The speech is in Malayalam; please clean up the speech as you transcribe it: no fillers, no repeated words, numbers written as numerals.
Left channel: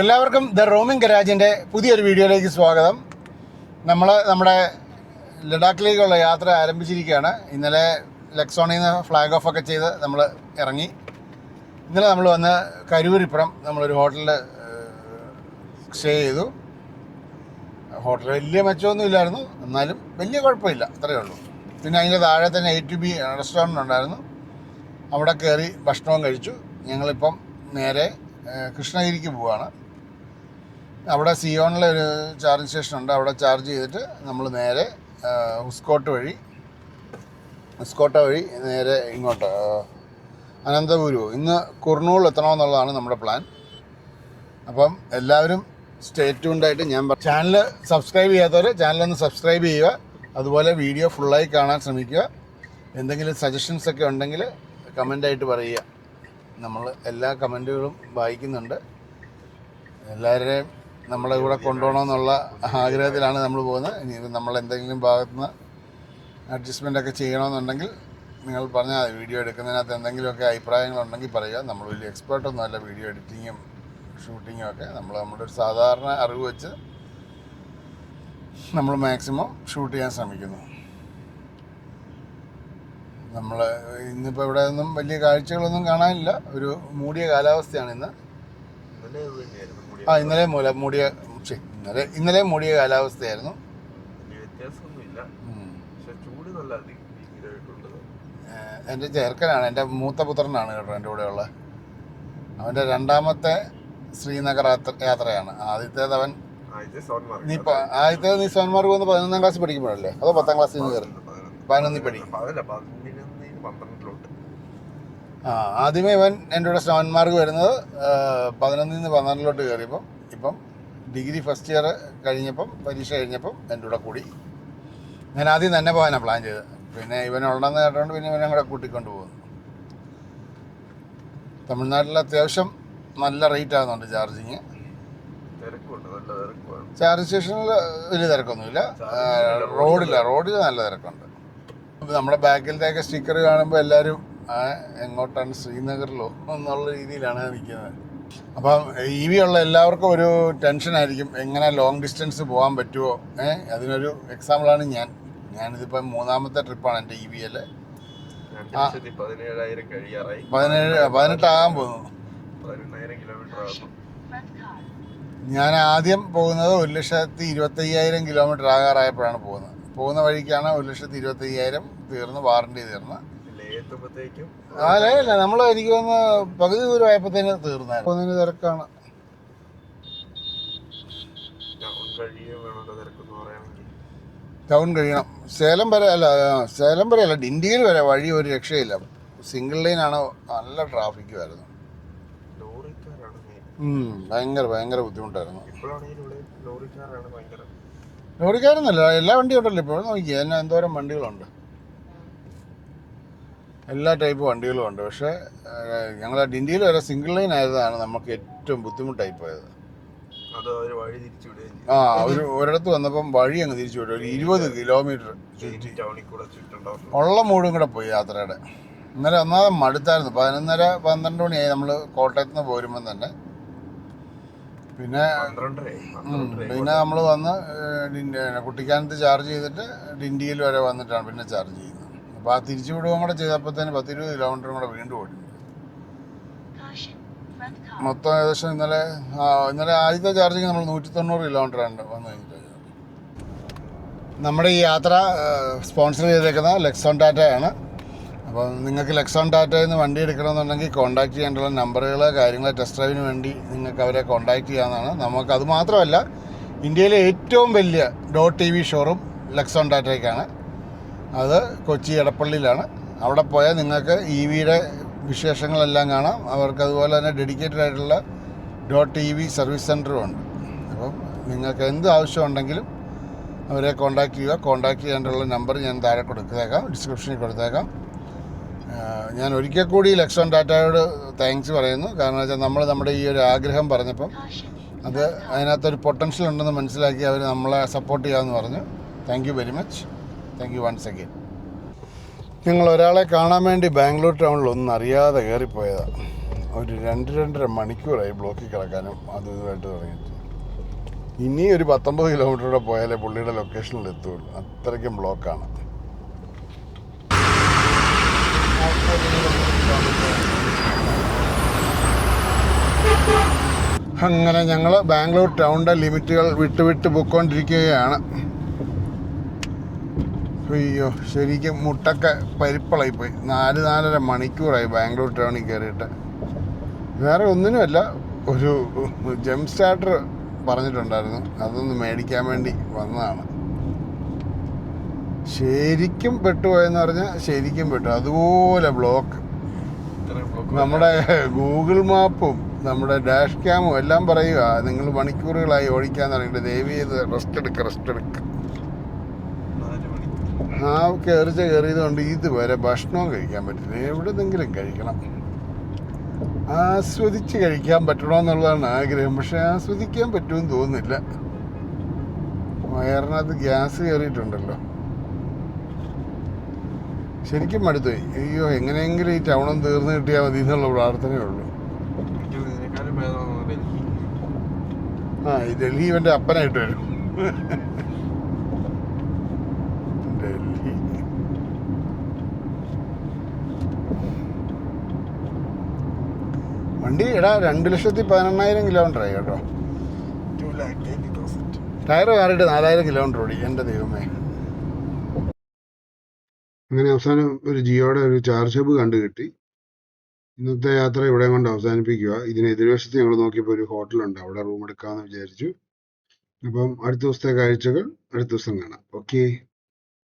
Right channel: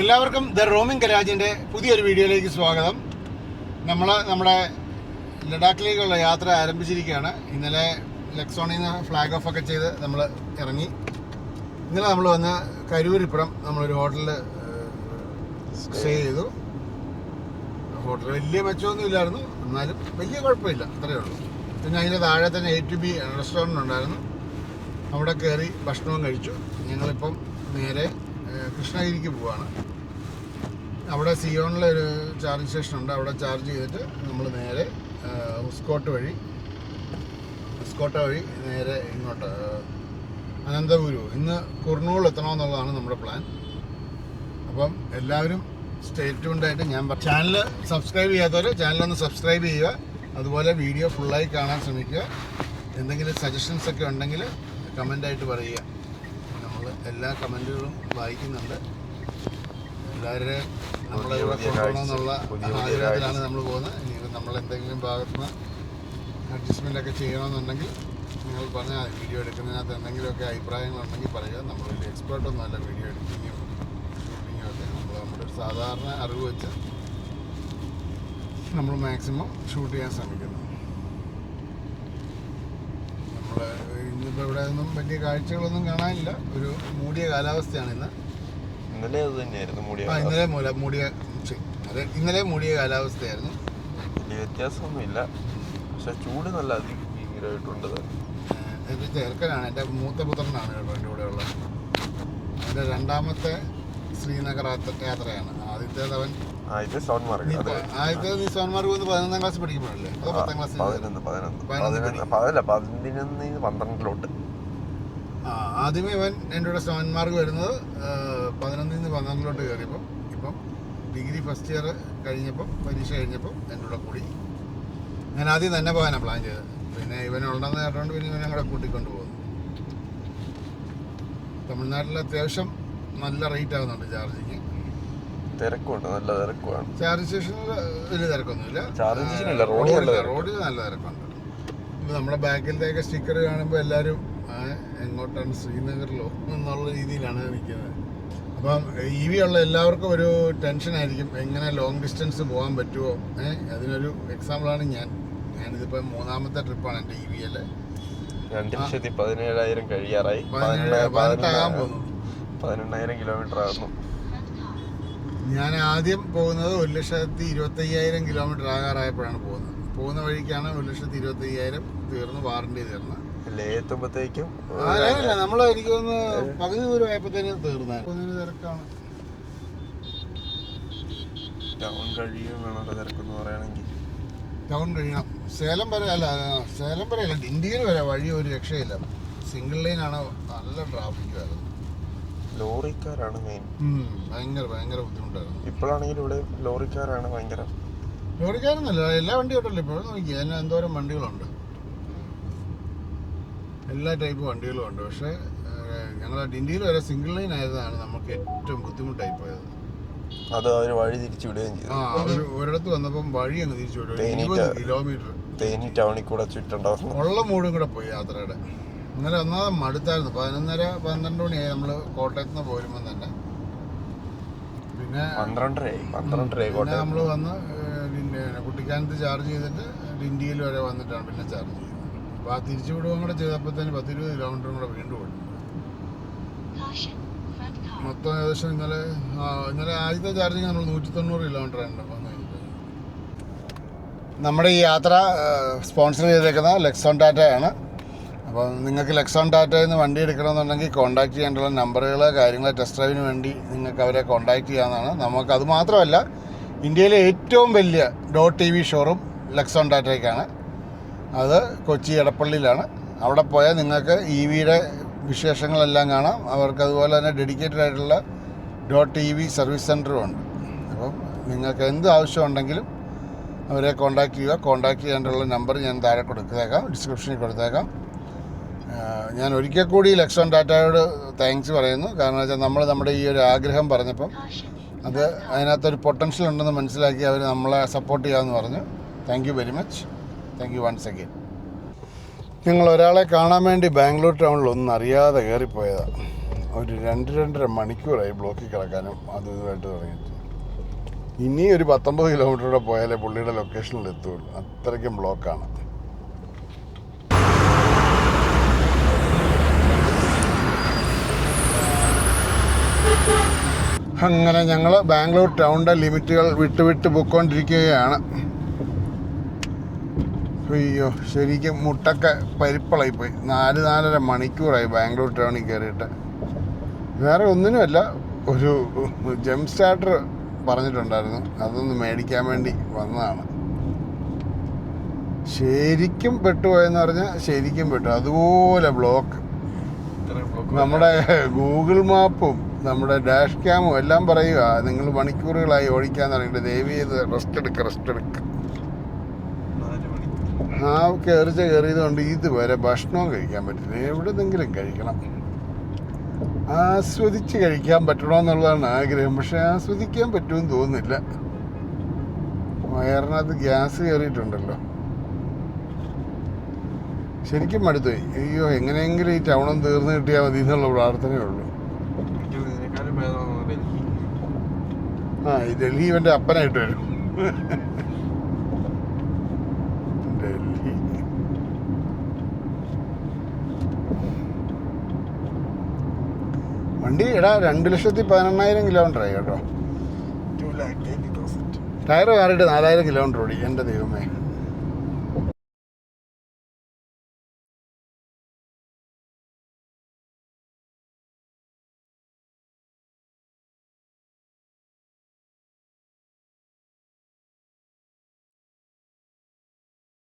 എല്ലാവർക്കും ദ റോമിംഗ് ഗരാജിൻ്റെ പുതിയൊരു വീഡിയോയിലേക്ക് സ്വാഗതം. നമ്മുടെ ലഡാക്കിലേക്കുള്ള യാത്ര ആരംഭിച്ചിരിക്കുകയാണ്. ഇന്നലെ ലക്സോണിൽ നിന്ന് ഫ്ലാഗ് ഓഫ് ഒക്കെ ചെയ്ത് നമ്മൾ ഇറങ്ങി. ഇന്നലെ നമ്മൾ വന്ന് കരൂരിപ്പുറം നമ്മളൊരു ഹോട്ടലിൽ സ്റ്റേ ചെയ്തു. ഹോട്ടൽ വലിയ മെച്ചമൊന്നും ഇല്ലായിരുന്നു, എന്നാലും വലിയ കുഴപ്പമില്ല, അത്രയേ ഉള്ളൂ. പിന്നെ അതിൻ്റെ താഴെ തന്നെ ATB റെസ്റ്റോറൻറ്റ് ഉണ്ടായിരുന്നു. അവിടെ കയറി ഭക്ഷണവും കഴിച്ചു. ഞങ്ങളിപ്പം നേരെ കൃഷ്ണഗിരിക്ക് പോവുകയാണ്. അവിടെ സിയോണിലൊരു ചാർജിങ് സ്റ്റേഷൻ ഉണ്ട്. അവിടെ ചാർജ് ചെയ്തിട്ട് നമ്മൾ നേരെ ഉസ്കോട്ട വഴി നേരെ ഇങ്ങോട്ട് അനന്തപുരു. ഇന്ന് കുർണൂൾ എത്തണമെന്നുള്ളതാണ് നമ്മുടെ പ്ലാൻ. അപ്പം എല്ലാവരും സ്റ്റേ ട്യൂൺഡായിട്ട് ചാനൽ സബ്സ്ക്രൈബ് ചെയ്യാത്തവർ ചാനലൊന്ന് സബ്സ്ക്രൈബ് ചെയ്യുക. അതുപോലെ വീഡിയോ ഫുള്ളായി കാണാൻ ശ്രമിക്കുക. എന്തെങ്കിലും സജഷൻസൊക്കെ ഉണ്ടെങ്കിൽ കമൻ്റായിട്ട് പറയുക. നമ്മൾ എല്ലാ കമൻറ്റുകളും വായിക്കുന്നുണ്ട്. എല്ലാവരെയും നമ്മളെ കൂടെ കൊണ്ടുപോകണമെന്നുള്ള ആഗ്രഹത്തിലാണ് നമ്മൾ പോകുന്നത്. ഇനി നമ്മൾ എന്തെങ്കിലും ഭാഗത്തുനിന്ന് അഡ്ജസ്റ്റ്മെൻ്റൊക്കെ ചെയ്യണമെന്നുണ്ടെങ്കിൽ നിങ്ങൾ പറഞ്ഞാൽ മതി. വീഡിയോ എടുക്കുന്നതിനകത്ത് എന്തെങ്കിലുമൊക്കെ അഭിപ്രായങ്ങളുണ്ടെങ്കിൽ പറയുക. നമ്മൾ വലിയ എക്സ്പേർട്ടൊന്നും അല്ല വീഡിയോ എഡിറ്റിങ്ങും ഷൂട്ടിങ്ങും ഒക്കെ. നമ്മുടെ ഒരു സാധാരണ അറിവ് വെച്ച് നമ്മൾ മാക്സിമം ഷൂട്ട് ചെയ്യാൻ ശ്രമിക്കുന്നു. നമ്മൾ ഇന്നിപ്പോൾ ഇവിടെ ഒന്നും വലിയ കാഴ്ചകളൊന്നും കാണാനില്ല. ഒരു മൂടിയ കാലാവസ്ഥയാണ് ഇന്ന്. ഇന്നലെ മൂടിയ കാലാവസ്ഥയായിരുന്നു. വലിയ വ്യത്യാസമൊന്നുമില്ല, പക്ഷെ ചൂട് നല്ല ഭീകരമായിട്ടുണ്ട്. എൻ്റെ ചെറുക്കനാണ്, എൻ്റെ മൂത്ത പുത്രനാണ് കേട്ടോ എൻ്റെ കൂടെ ഉള്ളത്. അവൻ്റെ രണ്ടാമത്തെ ശ്രീനഗർ യാത്രയാണ്. ആദ്യത്തേത് നീ സോൺമാർഗ് വന്ന് 11ാം ക്ലാസ് പഠിക്കുമ്പോഴല്ലേ, അതോ 10ാം ക്ലാസ്സിൽ? 12 ആദ്യമേ ഇവൻ എൻ്റെ കൂടെ സോൺമാർഗ് വരുന്നത് 11 നിന്ന് 12 കയറിയപ്പം. ഇപ്പം ഡിഗ്രി ഫസ്റ്റ് ഇയർ കഴിഞ്ഞപ്പം, പരീക്ഷ കഴിഞ്ഞപ്പം എൻ്റെ കൂടെ കൂടി. ഞാൻ ആദ്യം തന്നെ പോകാനാണ് പ്ലാൻ ചെയ്തത്. പിന്നെ ഇവനുണ്ടെന്ന് കേട്ടോണ്ട് പിന്നെ ഇവനെ കൂടെ കൂട്ടിക്കൊണ്ട് പോകുന്നു. തമിഴ്നാട്ടിൽ അത്യാവശ്യം നല്ല റേറ്റ് ആകുന്നുണ്ട് ചാർജിങ്. തിരക്കുണ്ട്, നല്ല തിരക്കുമാണ്. ചാർജ് സ്റ്റേഷനിൽ വലിയ തിരക്കൊന്നുമില്ല. റോഡിൽ നല്ല തിരക്കുണ്ട്. നമ്മുടെ ബാക്കിലത്തെയൊക്കെ സ്റ്റിക്കർ കാണുമ്പോൾ എല്ലാവരും എങ്ങോട്ടാണ്, ശ്രീനഗറിലോ എന്നുള്ള രീതിയിലാണ് നിൽക്കുന്നത്. അപ്പം EV ഉള്ള എല്ലാവർക്കും ഒരു ടെൻഷനായിരിക്കും, എങ്ങനെ ലോങ് ഡിസ്റ്റൻസ് പോകാൻ പറ്റുമോ. അതിനൊരു എക്സാമ്പിളാണ് ഞാനിതിപ്പം 3ാമത്തെ ട്രിപ്പാണ് എൻ്റെ EVയിൽ. 2,17,000 കഴിയാറായി. 18 ആകാൻ പോകുന്നു. 18,000 കിലോമീറ്റർ ആകുന്നു. ഞാൻ ആദ്യം പോകുന്നത് 1,25,000 കിലോമീറ്റർ ആകാറായപ്പോഴാണ് പോകുന്നത്. പോകുന്ന വഴിക്കാണ് 1,25,000 തീർന്ന്, വാറണ്ടി തീർന്ന്. അല്ല, എനിക്ക് വന്ന് പകുതി ദൂരം ആയപ്പോഴത്തേന് തീർന്നായിരുന്നു. തിരക്കാണ്. ടൗൺ കഴിയണം. സേലം വരെ അല്ല, ഡിണ്ടിഗൽ വരെ വഴി ഒരു രക്ഷയില്ല. സിംഗിൾ ലൈനാണ്, നല്ല ട്രാഫിക് ആയിരുന്നു. ലോറിക്കാരാണ് മെയിൻ. ഭയങ്കര ബുദ്ധിമുട്ടായിരുന്നു. ഇപ്പോഴാണെങ്കിൽ ഇവിടെ ലോറിക്കാരെന്നല്ല, എല്ലാ വണ്ടിയും ഉണ്ടല്ലോ ഇപ്പോൾ. നോക്കി തന്നെ എന്തോരം വണ്ടികളുണ്ട്, എല്ലാ ടൈപ്പ് വണ്ടികളും ഉണ്ട്. പക്ഷേ ഞങ്ങൾ ഡിണ്ടിയിൽ വരെ സിംഗിൾ ലൈൻ ആയതാണ് നമുക്ക് ഏറ്റവും ബുദ്ധിമുട്ടായി പോയത്. അത് അവർ വഴി തിരിച്ചു വിടുകയും ചെയ്തു. ഒരിടത്ത് വന്നപ്പം വഴി അങ്ങ് തിരിച്ചു വിടും. 20 കിലോമീറ്റർ ടൗണിൽ കൂടെ ചുറ്റുണ്ടാവും. ഉള്ള മൂടും കൂടെ പോയി യാത്രയുടെ. ഇന്നലെ ഒന്നാമത് മടുത്തായിരുന്നു. 11:30-12 മണിയായി നമ്മൾ കോട്ടയത്ത് നിന്ന് പോരുമ്പം തന്നെ. പിന്നെ 12:30 നമ്മൾ വന്ന് കുട്ടിക്കാനത്ത് ചാർജ് ചെയ്തിട്ട് ഡിണ്ടിയിൽ വരെ വന്നിട്ടാണ് പിന്നെ ചാർജ് ചെയ്യുന്നത്. അപ്പോൾ ആ തിരിച്ചു വിടുകയും കൂടെ ചെയ്തപ്പോഴത്തേന് 10-20 കിലോമീറ്ററും കൂടെ വീണ്ടും ഓടി. മൊത്തം ഏകദേശം ഇന്നലെ ആദ്യത്തെ ചാർജിങ് നമ്മൾ 190 കിലോമീറ്ററാണ് വന്നു കഴിഞ്ഞത്. നമ്മുടെ ഈ യാത്ര സ്പോൺസർ ചെയ്തേക്കുന്ന ലെക്സോൺ ടാറ്റയാണ്. അപ്പോൾ നിങ്ങൾക്ക് ലെക്സോൺ ടാറ്റയിൽ നിന്ന് വണ്ടി എടുക്കണമെന്നുണ്ടെങ്കിൽ കോൺടാക്ട് ചെയ്യേണ്ടുള്ള നമ്പറുകൾ, കാര്യങ്ങൾ, ടെസ്റ്റ് ഡ്രൈവിന് വേണ്ടി നിങ്ങൾക്ക് അവരെ കോൺടാക്ട് ചെയ്യാവുന്നതാണ്. നമുക്കത് മാത്രമല്ല, ഇന്ത്യയിലെ ഏറ്റവും വലിയ .EV ഷോറൂം ലെക്സോൺ ടാറ്റയ്ക്കാണ്. അത് കൊച്ചി എടപ്പള്ളിയിലാണ്. അവിടെ പോയാൽ നിങ്ങൾക്ക് EVയുടെ വിശേഷങ്ങളെല്ലാം കാണാം. അവർക്ക് അതുപോലെ തന്നെ ഡെഡിക്കേറ്റഡ് ആയിട്ടുള്ള .EV സർവീസ് സെൻ്ററും ഉണ്ട്. അപ്പം നിങ്ങൾക്ക് എന്ത് ആവശ്യമുണ്ടെങ്കിലും അവരെ കോൺടാക്ട് ചെയ്യുക. കോൺടാക്ട് ചെയ്യാനുള്ള നമ്പർ ഞാൻ താഴെ കൊടുത്തേക്കാം, ഡിസ്ക്രിപ്ഷനിൽ കൊടുത്തേക്കാം. ഞാൻ ഒരിക്കൽ കൂടി ലെക്സോൺ ടാറ്റയോട് താങ്ക്സ് പറയുന്നു. കാരണം വെച്ചാൽ നമ്മുടെ ഈ ഒരു ആഗ്രഹം പറഞ്ഞപ്പം അതിനകത്തൊരു പൊട്ടൻഷ്യൽ ഉണ്ടെന്ന് മനസ്സിലാക്കി അവർ നമ്മളെ സപ്പോർട്ട് ചെയ്യാമെന്ന് പറഞ്ഞു. Thank you very much. Thank you once again. ഞങ്ങൾ ഒരാളെ കാണാൻ വേണ്ടി ബാംഗ്ലൂർ ടൗണിൽ ഒന്നും അറിയാതെ കയറിപ്പോയതാണ്. ഒരു 2-2.5 മണിക്കൂറായി ബ്ലോക്കിൽ കിടക്കാനും ഇതുമായിട്ട് തുടങ്ങിയിട്ട്. ഇനി ഒരു 19 കിലോമീറ്റർ പോയാലേ പുള്ളിയുടെ ലൊക്കേഷനിൽ എത്തുള്ളൂ. അത്രയ്ക്കും ബ്ലോക്കാണ്. അങ്ങനെ ഞങ്ങൾ ബാംഗ്ലൂർ ടൗണിൻ്റെ ലിമിറ്റുകൾ വിട്ട് പൊയ്ക്കൊണ്ടിരിക്കുകയാണ്. അയ്യോ, ശരിക്കും മുട്ടൊക്കെ പരിപ്പളായിപ്പോയി. 4-4.5 മണിക്കൂറായി ബാംഗ്ലൂർ ടൗണിൽ കയറിയിട്ട്. വേറെ ഒന്നിനുമല്ല, ഒരു ജം സ്റ്റാർട്ടർ പറഞ്ഞിട്ടുണ്ടായിരുന്നു, അതൊന്ന് മേടിക്കാൻ വേണ്ടി വന്നതാണ്. ശരിക്കും പെട്ടുപോയെന്ന് പറഞ്ഞാൽ ശരിക്കും പെട്ടു. അതുപോലെ ബ്ലോക്ക്. നമ്മുടെ ഗൂഗിൾ മാപ്പും നമ്മുടെ ഡാഷ് ക്യാമും എല്ലാം പറയുക നിങ്ങൾ മണിക്കൂറുകളായി ഓടിക്കാൻ തുടങ്ങിയിട്ട് ദയവ് ചെയ്ത് റെസ്റ്റ് എടുക്കുക. ആ കയറിയത് കൊണ്ട് ഇതുവരെ ഭക്ഷണവും കഴിക്കാൻ പറ്റില്ല. എവിടെന്നെങ്കിലും കഴിക്കണം. ആസ്വദിച്ച് കഴിക്കാൻ പറ്റണമെന്നുള്ളതാണ് ആഗ്രഹം. പക്ഷെ ആസ്വദിക്കാൻ പറ്റുമെന്ന് തോന്നുന്നില്ല. വയറിനകത്ത് ഗ്യാസ് കയറിയിട്ടുണ്ടല്ലോ. ശരിക്കും മടുത്തുപോയി. അയ്യോ, എങ്ങനെയെങ്കിലും ഈ ടൗണും തീർന്നു കിട്ടിയാൽ മതി എന്നുള്ള പ്രാർത്ഥനയേ ഉള്ളൂ. ഈ ഡൽഹി ഇവൻ്റെ അപ്പനായിട്ട് വരും. ഡൽഹി വണ്ടി 2,18,000 കിലോമീറ്ററായി കേട്ടോ. ടയർ മാറിയിട്ട് 4,000 കിലോമീറ്റർ ഓടി. എൻ്റെ ദൈവമേ. അങ്ങനെ അവസാനം ഒരു ജിയോയുടെ ഒരു ചാർജ് ഹബ് കണ്ടു കിട്ടി. ഇന്നത്തെ യാത്ര ഇവിടെ കൊണ്ട് അവസാനിപ്പിക്കുക. ഇതിന് എതിർവശത്ത് ഞങ്ങൾ നോക്കിയപ്പോൾ ഒരു ഹോട്ടലുണ്ട്, അവിടെ റൂം എടുക്കാമെന്ന് വിചാരിച്ചു. അപ്പം അടുത്ത ദിവസത്തെ കാഴ്ചകൾ അടുത്ത ദിവസം കാണാം. ഓക്കെ.